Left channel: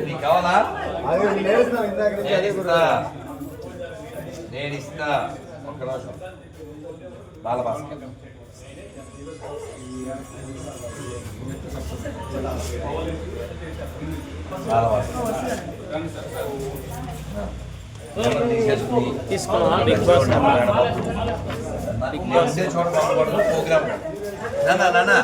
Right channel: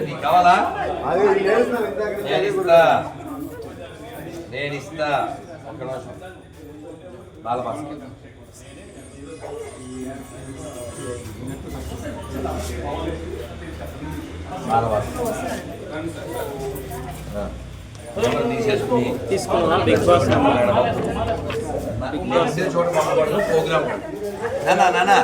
నీకు కావాలా? నేను ఇస్తా నేను ఇస్తా ఒక్క నిమిషం బాలభాస్కర్ బాలభాస్కర్ తీసేసుకుని? తీసుకున్నా బిగ్ బాస్? చూడకూడదు ప్రోగ్రామ్ నానా నానా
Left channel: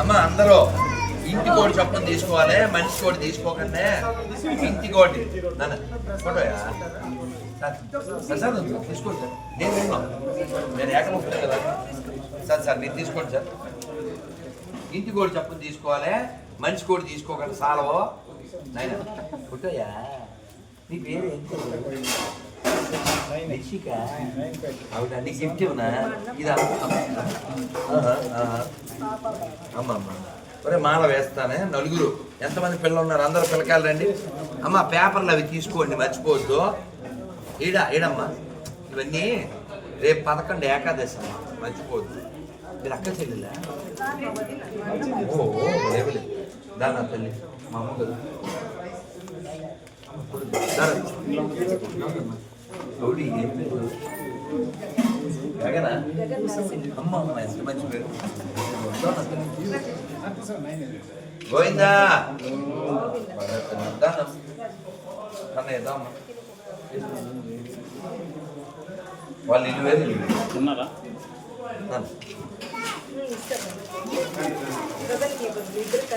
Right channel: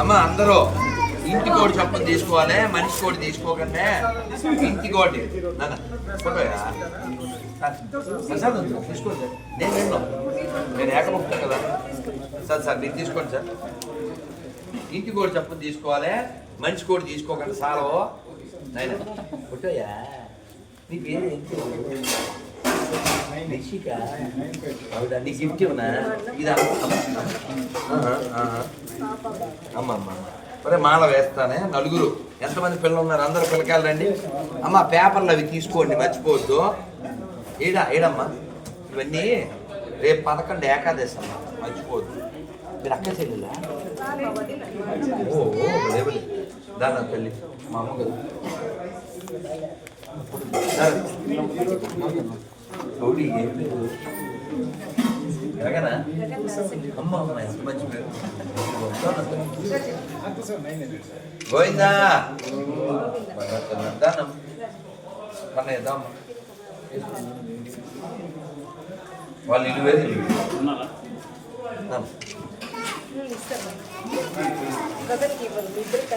అమ్మ అందరూ ఇంటి కోటి తీసుకోవాలి మనిషి కోటి తీసుకోకండి ఇంటి కోటి సార్, తీసుకోండి సార్ నేను నేను ఏకముక్తాను కదా సార్ సార్ మీరు తీసుకోండి సార్ ఇంటి కోడి చెప్పని తీసుకోవాలి మంచి కోడి తీసుకోకండి సారవో నాయన ఫోటోయా నీ పేరు ఏంటి? నిషిక? అవునా? నీకు గిఫ్ట్ ఇవ్వనా? ఇది అమ్మ. అమ్మ ఒరే మాల వేస్తానే. నలుగురు. ఎంతమంది పిల్లలు ఉన్నారు అందరూ పిల్లకాయలు రండి. అమ్మ పేపర్లు అవి తీసుకోండి. మర్చిపోవద్దు. ఈడ ఈడమ్మా. ఇవన్నీ రేపు పదకొండు ఏకాదశి అమ్మ. మర్చిపోవద్దు. మీరు అక్క చెల్లిలా? ఓ దాని తల్లి. మా అమ్మగారు గౌరీ ఏం పేరు జగనా? అమ్మ అమ్మ ఎంత మంచి పేరు. గోవిందా? దానం వాళ్ళు ఇల్లు వేరు ఇల్లు.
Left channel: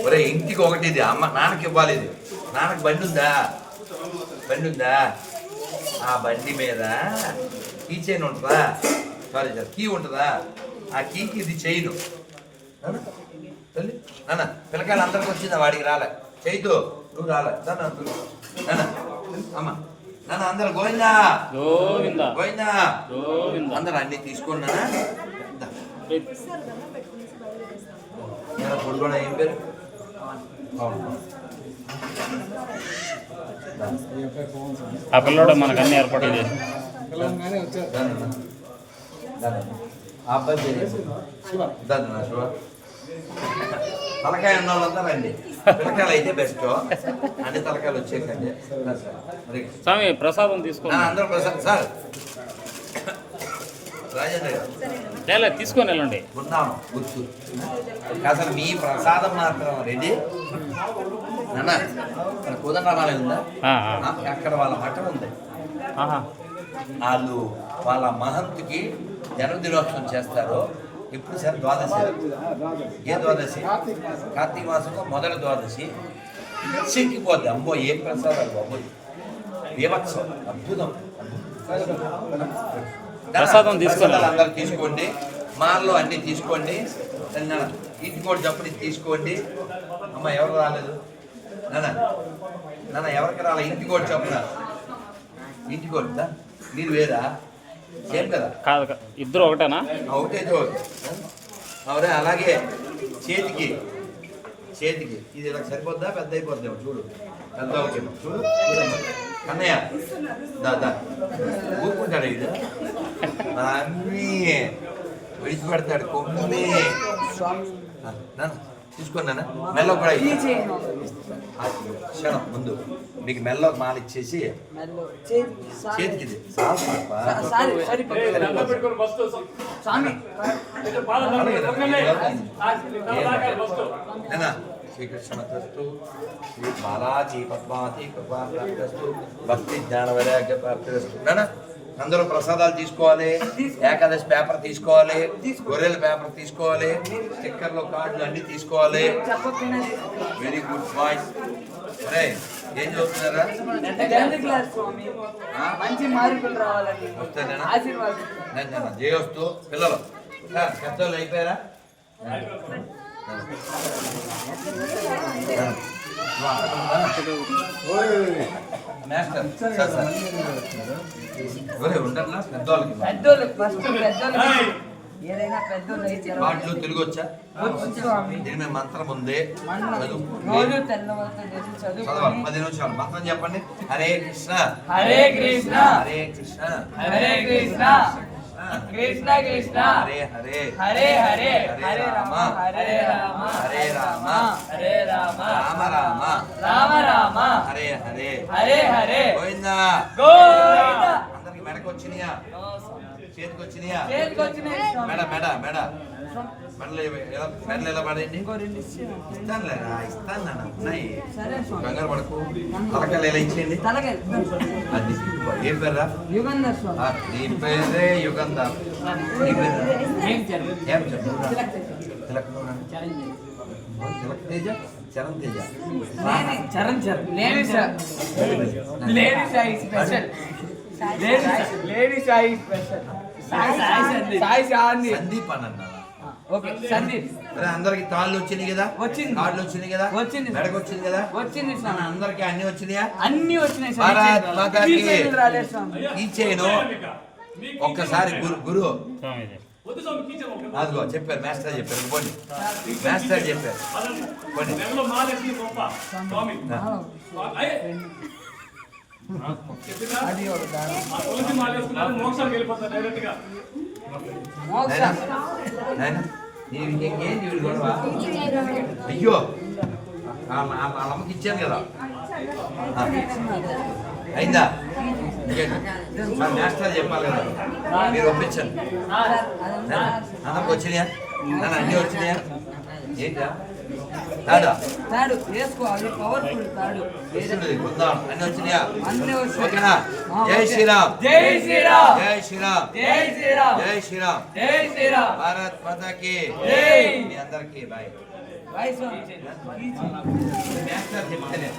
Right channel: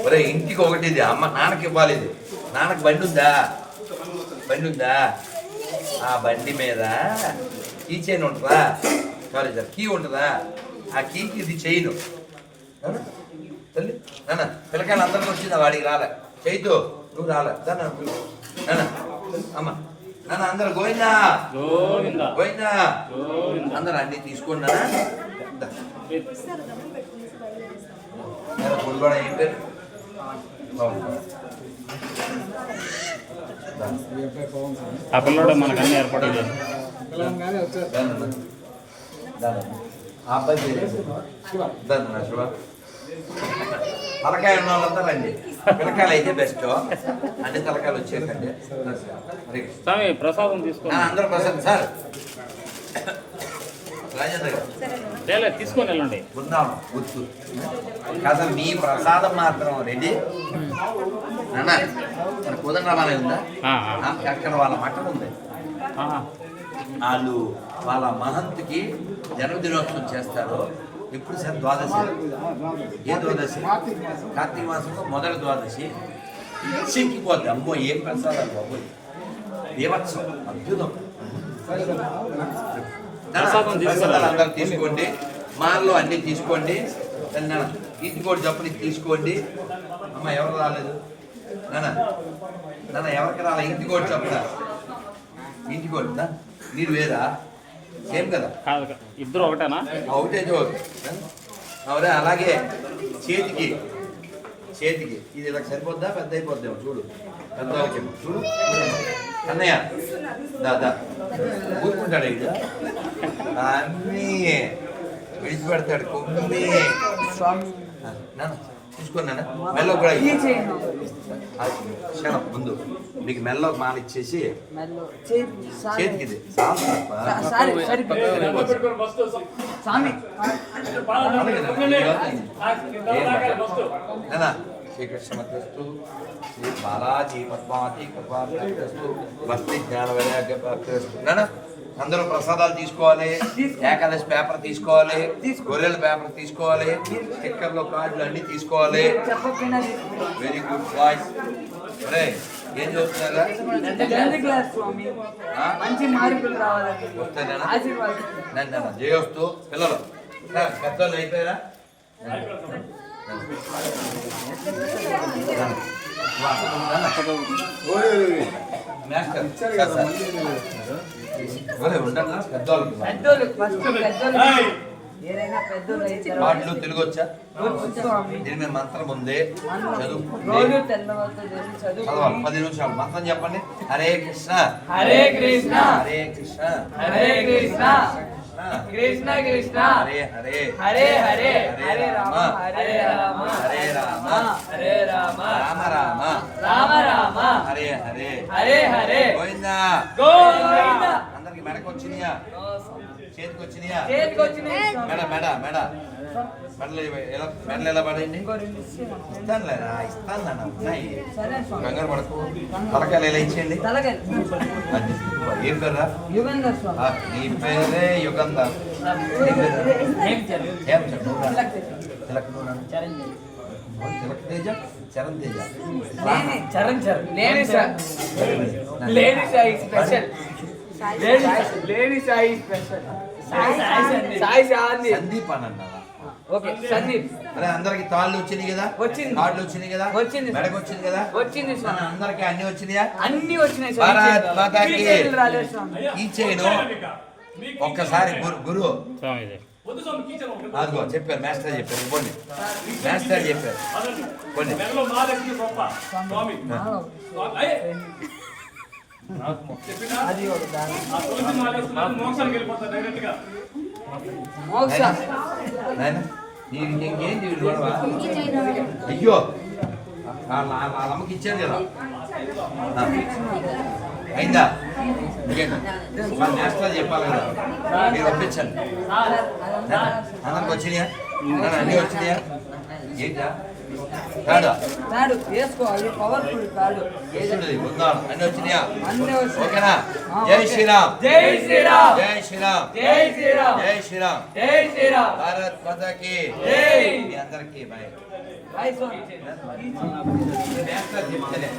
ఒరే ఇంటికి ఒకటి ఇది. అమ్మ నాన్నకి ఇవ్వాలి ఇది. నాన్నకి బండి ఉందా? బండి ఉందా? ఆ బండి మీద కీ చైన్ ఉంటుందా? సారీ సార్ కీ ఉంటుందా? ఆ కీకి ఇది చైను. తల్లి నాన్న పిల్లకాయలు అందరికి వచ్చిందా వాడికి రాలే. చైతు నువ్వు రాలే. దాన్ని నాన్న అమ్మ నాన్న అందరు గోవిందా? గోవిందా. అందరు అన్ని తీసుకోండి నాన్న. ఏం పేరు. ఆ పిల్లడు మనకు అన్ని ఏర్పాట్లు చేసి ఆ తలకాయ ఉన్న వాళ్ళంతా రండి పిల్లకాయలు అయితే బెస్ట్ అన్ని తలకాయలు వచ్చేసండి స్వామి ప్రసాదం తీసుకున్నాను అందరూ ప్రసాదం సార్ తీసుకొని వెళ్ళండి. బృందావనం గుర్తు. అసలు మీ ప్రసాదం మాత్రం రెడీ. నాన్న మన కుదండరామాలయం ఉందా? అక్కడ వాళ్ళ మఠం ఉంది. వాళ్ళు వాళ్ళ మహంతుకి జన్మదినోత్సవం చేస్తారు ఇప్పుడు సార్ ద్వాదశి? ఏ ద్వాదశి? కార్తీక మాసంలో మొదటి ద్వాదశి. చెక్కిపోద్ది అమ్మో ఏం ప్రసాదాలు బాబు బీభత్సం అద్భుతం. ప్రసాదం. ప్రసాదాలు అందరూ తీసుకోండి. మాల్లో అన్ని తీసుకోండి. నాన్న ఇంటి కూడా జప్పుని తీసుకోండి. అమ్మ ఎవరు రాలేదు? నాన్న నాన్న ఎవరికి రాలే? ఇంటి కూడా చెప్పున ఇంటి కూడా మీరు వేరా? సేమ్ కదా? కాదు. ఇద్దరు ఒకటేనా? ఒకటే చోటు అవునా? అలాగే చేతికి చేతికి. ఇది ఇలా సరిపోద్దా? పెద్ద అయిపోద్దాం చూడు. పెద్ద చూడు. అన్నయ్య దా దా ఊరుకుంటాడు ఇది అన్నీ విడిచిపెడతాడు కొన్ని ఆ, నాన్న తీసుకోండి నాన్న మెల్ల కూడా క్షణం ముందు మీకు మెల్ల ఒక మాల ఇచ్చేసి చేతికి ఇది. స్వామి శ్రీకృష్ణమస్తు శ్రీ బాలాజీ పద్మావతి కృపాస్తు భక్తి జ్ఞాన వైరాగ్య ప్రాప్తిస్తు అందరూ ప్రసాదాలు తీసుకోవాలి ఏకాదశి పేపర్ తీసుకోవాలి గొర్రెల పేపర్ తీసుకోవాలి స్టిక్కర్లు కార్డులు అన్ని తీసుకోవాలి. వెరీ గుడ్ బాయ్స్ అరే ఏం చదువుతున్నారా? వస్తేనేనా నన్ను జయవస్తు పిల్లలు. పెద్దోళ్ళు అయిపోయారా? పాటలు తెలుగు వచ్చా దీని మీద మంత్రం ఉంది. చదవాలి. పది నిమిషాలు. మంత్రం చెప్పండి. హరే కృష్ణ. హరే కృష్ణ. హరే కృష్ణ. హరే కృష్ణ. కృష్ణ కృష్ణ. హరే హరే. హరే హరే. హరే రామ. హరే రామ. హరే రామ. హరే రామ. రామ రామ. రామ రామ. హరే హరే. హరే హరే. గోవిందా. గోవింద. అందరికి మెడకు వచ్చినాయా? చేతికి వచ్చినాయా చేతికి వచ్చినాయి. మెడ మెడ మెడ. మెడలు ఎలా మెడలు ఎలా పడండి. ఇస్తానులేరా ఇస్తాను నాన్న ఉన్నాయి. సరే కంగారు పడకు. తలకాయలు ఎలా ఇచ్చేయండి? అది ఏం పేర్రా? యుగంధర్ నీ పేరే యుగంధర్. పేరు ఏం తిలక్ తేజ. చరణ్ తేజ. చరణ్ చరణ్ లేని సా- లేని సాయి స్పెషల్. లేని సాయి స్పెషల్. సాయి శాంతి సందీప్ అని ఓకే సందీప్. అరే అందరికి తాళ్ళు వచ్చినాయి కదా? వచ్చింది. కార్డులు కదా? వచ్చింది. మెడకు వచ్చింది కదా వచ్చింది అందరికి అన్ని వచ్చినాయా? అన్ని వచ్చినాయి. ఈ చేయను ఒక్కసారి గురు అదిగో చెప్పారు మాస్టర్ చెప్పారు. పోనీ మాస్టర్ చెప్పారు. పోనీ అది అయ్యో అమ్మకి ఇచ్చాను కదా. అయిందా? ఇంకేంటి? మాస్టర్ చెప్పాలి కదా. మీరు ఒప్పించండి. అన్నకు వచ్చినాయా? తాడు. వేసుకో అది పవర్ఫుల్ తాడు. అన్నీ ఓకేనా? జై. శ్రీరామ్. జై శ్రీరామ్. జై శ్రీరామ్. జై శ్రీరామ్. జై శ్రీరామ్. జై శ్రీరామ్. భారత్ మాతాకి. జై. మీ అందరికీ బాయ్ బాయ్ చెప్తేనే.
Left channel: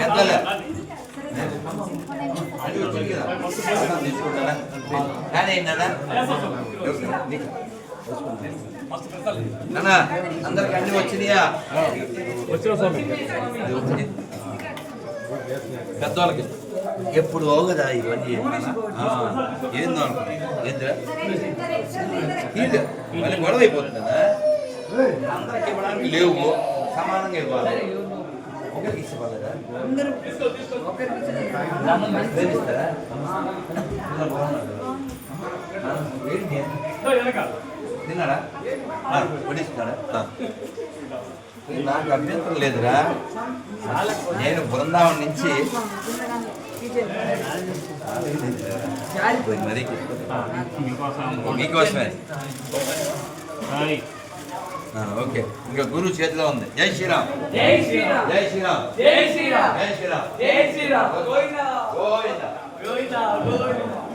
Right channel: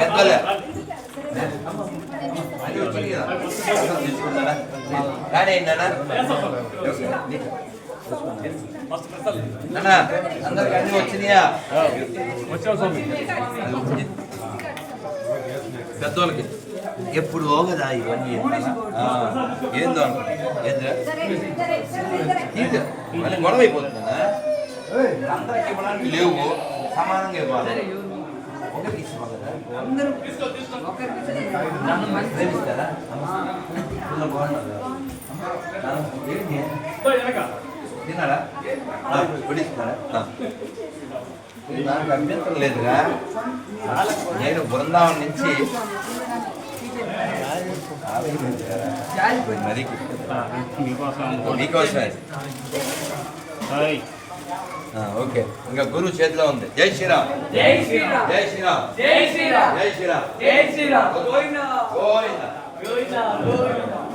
పెద్దలే. కానీ ఏంటన్నా? నాన్న అందరికి అన్ని వచ్చినాయా? పెద్దోళ్ళకి. ఎప్పుడు ఓగదా ఇవన్నీ. ఏందో ఏంద్రా? ఇది. మళ్ళీ గొడవ అయిపోతుందా? అందరికి ఇవ్వడానికి లేవు. సమానంగా ఇవ్వాలి. ఒకరికి అందరూ ఒకరికి ప్రేమిస్తారా ఏంటి? ఆ. ఇది నాకు అభ్యంతరం లేదురా. నేను బృందావనం నుంచి మరి మీకోసమే. ఓకే. ఇంకా గురువు చేతిలో ఉంది. జై శ్రీరామ్. జై శ్రీరామ్. జై శ్రీరామ్. జై శ్రీరామ్. జై శ్రీరామ్. జై శ్రీరామ్. గోవిందా గోవిందా. గోవిందా. గోవిందా.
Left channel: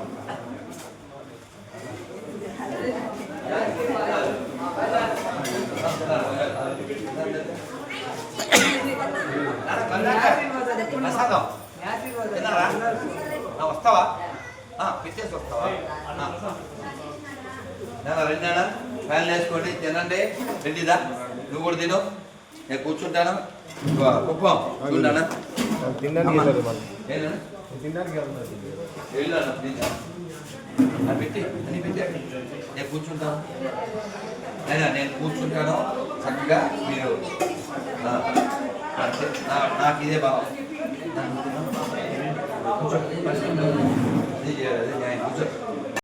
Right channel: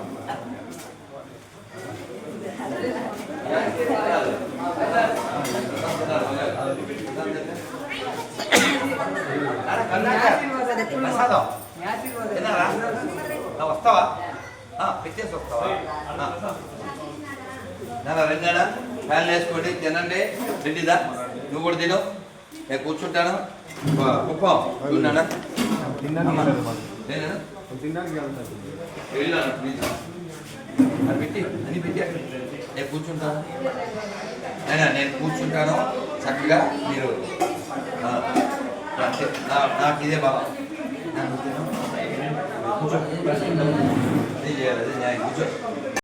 ప్రసాదం తిన్నారా వస్తావా పెట్టేసి వస్తావా. నాన్న రెండేనా ఫ్యాన్ వేసుకోండి తినండి రెడ్డిదా నువ్వు కూడా తిను నేను కూర్చుంటాను కుప్పం ప్లీజ్ అది పెట్టి నేను కూర్చుంటాను. అయినా నేను కూర్చుంటాను చక్కగా మీరు నాకు ఇదే బలం. కూర్చో. కూర్చో.